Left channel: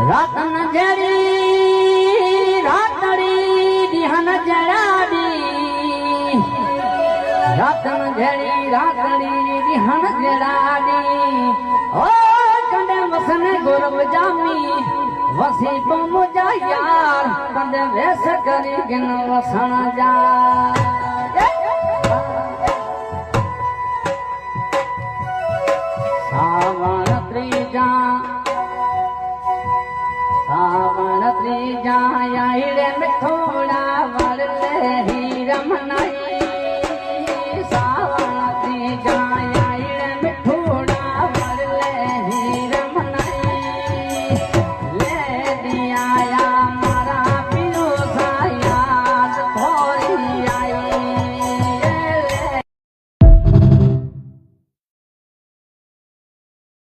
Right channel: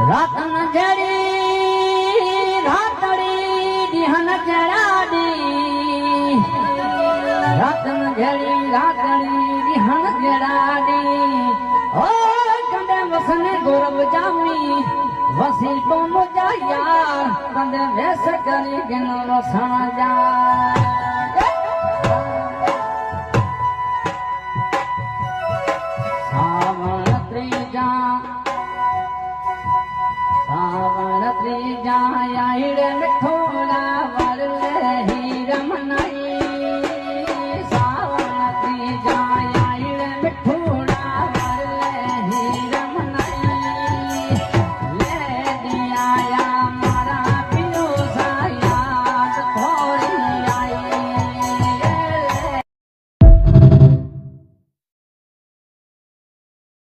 રાતન જડી રાતડી દિહન જડાડી રાતન જડી રાતડી દિહન જડાડી ઓ કંડે વસન ગોરવ જામી વસી તો મુજા યાર કંડે વેસ કરી ગનો વસણ જા